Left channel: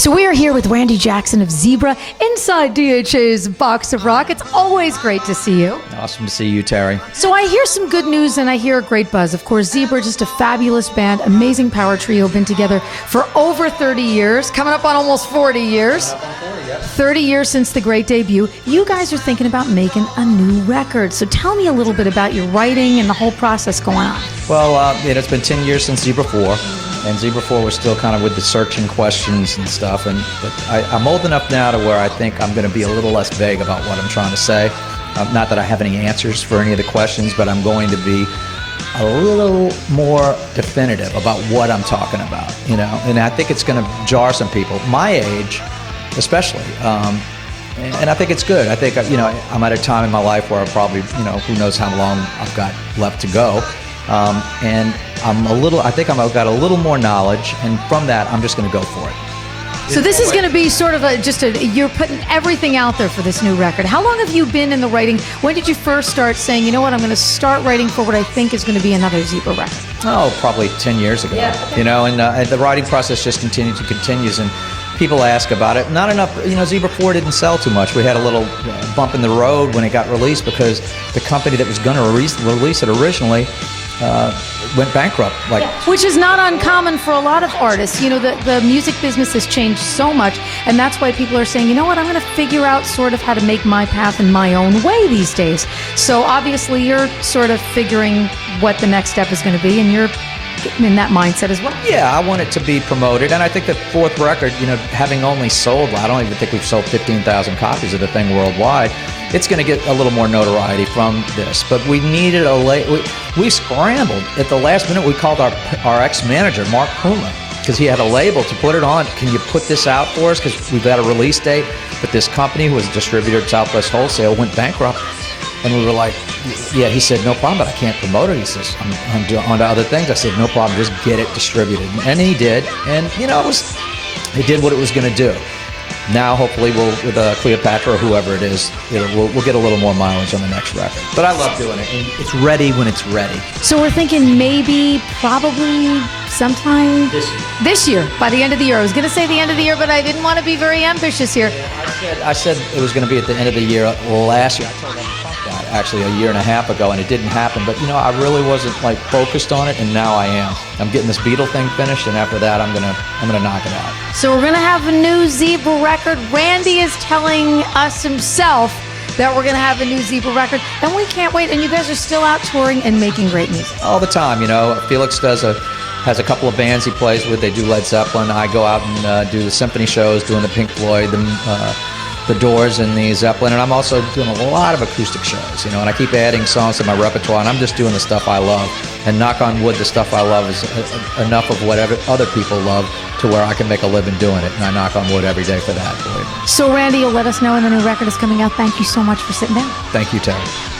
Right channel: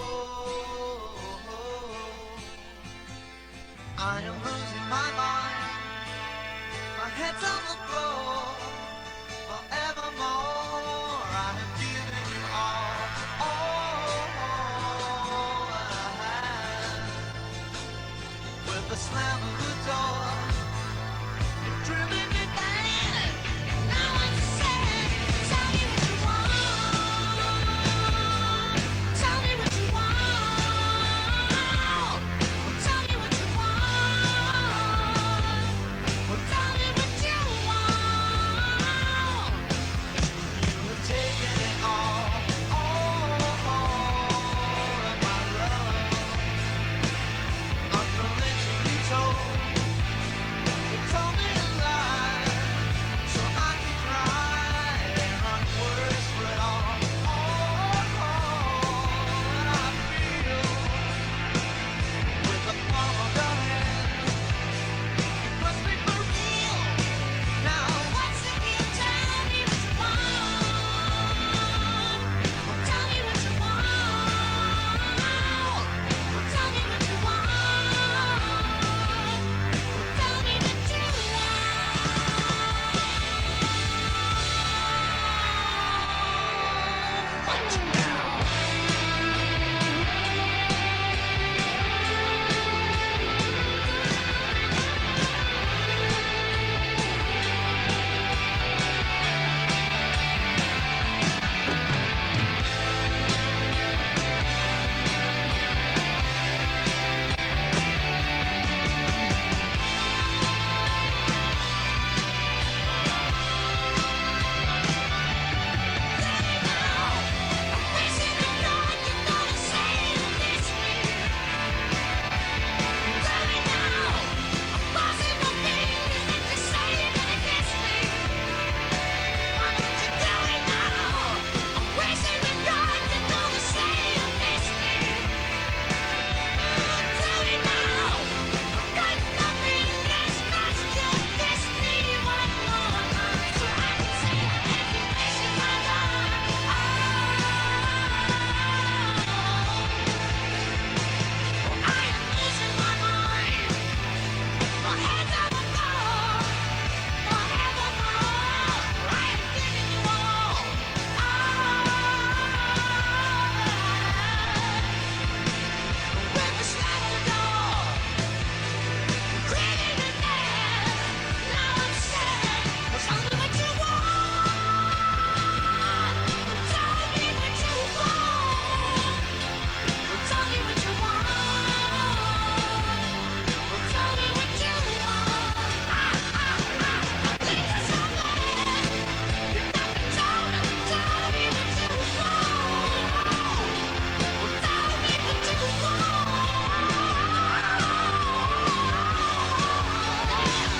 So we are here with Randy Jackson of Zebra inside DHA's Box of Rock. It's always great to see you. Awesome to see you, Terrie. So I hear some good news and I hear a great buzz. Of course, Zebra, just a fabulous band, amazing power trio, been together for over 30 years, coming up on almost 40 years. 30 years since the great debut. You guys are thinking about making a new record. So tell me a little bit about your writing and the whole process going on. Well, it's been 10 years since Zebra 4, and Zebra 4 we're still kind of with the searching questions and stuff, and I'm old enough now to where I think I'm going to be a little less vague about what I'm trying to say. Not that I have any answers for any of the questions, but I'm going to be a little more definitive about what I'm talking about, you know, and I think it's going to jar some people, my age especially, and I think it's good. I think, you know, I'm at a time in my life where I probably, you know, who knows how long I've got left to go, and I've got a little more knowledge, and from that, I'm just going to go for it. So this is going to be sort of you're putting everything out there for this new record. How long have you been in the writing? When did you first start saying, you know what, I'm going to start writing for what I think is going to be another Zebra record? Oh, probably 10 years ago. Yeah. You know, and the writing process just continues, and people ask about it. Not enough, you know, Zebra 4 didn't sell too much. We had a little bump in the road when it got released because the company that was going to release it originally went bankrupt. Which is not uncommon for a lot of artists. You know, the music business has changed so much, and that's why people are saying, you know what, I'm going to figure out sort of how to make my path in my own way these days. So obviously you're sort of figuring what the next step is going to be, and you're in that mindset as well. Yeah, I want it to be promoted, and I think the fourth record, you know, having only sold, I don't even think we've sold 15,000 copies of the thing worldwide, it's going to get a little more notoriety from this. But we needed we scrambled at the last minute. We called our ex-manager, Mark Poonley, because he had a label to put it on. Can you put this out for us? Because we've got a release date. But this company, who was a distributor at Southwest Wholesale, went bankrupt. And we were like, yeah, he said, no problem, but I can't promote it. He says, I'm on to other things. I said, no problem, just get it distributed. And he did, and you know, it did what it was going to do. Now, hopefully, with Cleopatra or whoever it is, we'll get a little more mileage on the next record. But I love doing it. It's ready when it's ready. So we're thinking probably sometime this year, by the end of the year. I was going to say the end of the year, but I didn't want to be very ambitious here. I said it was going to be at the end of the year last year. Actually a year and a half ago, and it didn't happen, but you know, I really wasn't like focused on it, and now I am. I'm getting this Beatle thing finished, and after that I'm gonna knock it out. So we're gonna have a new Zebra record. Randy is telling us himself that we're gonna have a new Zebra record, and we can't wait. And you guys are still out touring and making great music all the time. You know, Felix has a couple of bands he plays with. They do Led Zeppelin. I go out and do the symphony shows, doing the Pink Floyd, the Doors and the Zeppelin, and I'm also doing a lot of acoustic shows, you know, and I keep adding songs to my repertoire, and I'm just doing the stuff I love, and knock on wood, the stuff I love is enough of whatever other people love to where I can make a living doing it, and I knock on wood every day for that. So Randy, you'll let us know when the new record is coming out. Thank you so much for sitting down. Thank you, Terrie.